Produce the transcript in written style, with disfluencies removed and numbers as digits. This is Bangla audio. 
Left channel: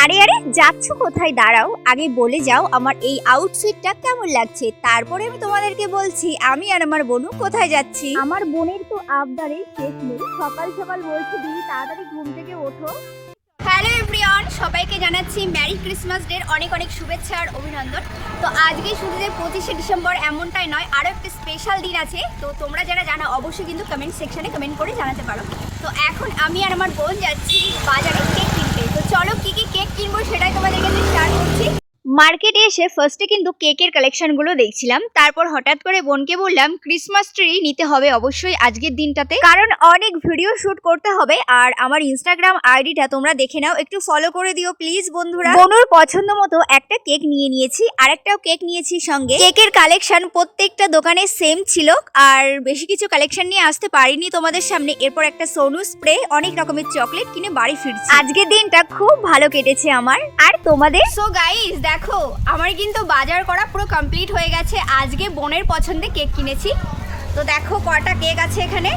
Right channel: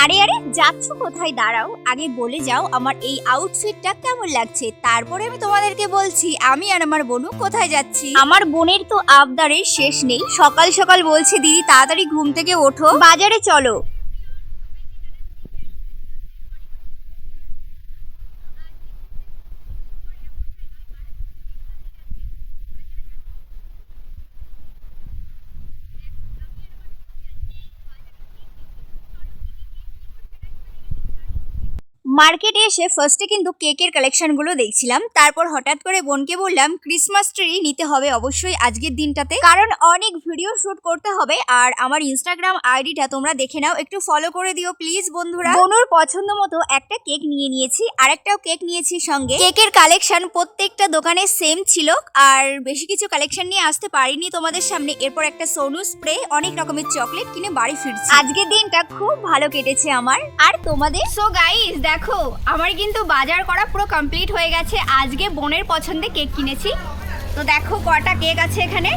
আরে আরে যাচ্ছ কোথায়? দাঁড়াও, আগে বলে যাও আমার এই আউটফিটটা কেমন লাগছে, তারপরে আমি তোমাদেরকে বলছি আমি আর আমার বোনু কোথায় যাচ্ছি। আমার বোনের তো আবদারের শেষ নেই, সকাল সকাল বলছে দিদি তাড়াতাড়ি ঘুম থেকে ওঠো, বাজারে চলো। হ্যালো এভরিওয়ান, সবাইকে জানাচ্ছি মেরি ক্রিসমাস ডে অনেক অনেক শুভেচ্ছা আর অভিনন্দন। তো আজকে শুধু যে 25শে ডিসেম্বর এমনটাই নয়, আরও একটা স্পেশাল দিন আছে। তো তোমরা যারা জানো অবশ্যই কিন্তু কমেন্ট সেকশনে কমেন্ট করে জানাতে পারো। তো এখন আমি আর আমার বোন যাচ্ছি বাজারে কেক কিনতে। তো চলো কি কি কেক কিনবো সেটাই তোমাদের কাছে শেয়ার করছি। মার্কেটে এসে ফার্স্টে কিন্তু কেকের কালেকশনগুলো দেখছিলাম, তারপর হঠাৎ করে বোনকে বললাম ক্রিসমাস ট্রি নিতে হবে অবশ্যই আজকের দিনটাতে, কারণ অনেক ভিডিও শুট করতে হবে। আর আমার ইনস্টাগ্রাম আইডিটা তোমরা দেখে নাও, একটু ফলো করে দিও প্লিজ বন্ধুরা। বোনুর পছন্দ মতো একটা কেক নিয়ে নিয়েছি, আরেকটাও কেক নিয়েছি সঙ্গে। কেকের কালেকশন প্রত্যেকটা দোকানে সেম ছিল, আর বেশি কিছু কালেকশন নিয়ে আসতে পারিনি তোমাদের সামনে। এরপর একটা সোনু স্প্রে, অনেক রকমের চকলেট কিনে বাড়ি ফিরছি। আজকের দিনটা খুব ভালো কেটেছে আমার, আর তোমাদের? সো গাইস দেখো, আমার কিন্তু বাজার করা পুরো কমপ্লিট হয়ে গেছে। আজকে বোনের পছন্দে কেক কিনেছি। তো দেখো কটা কেক আছে এখানে।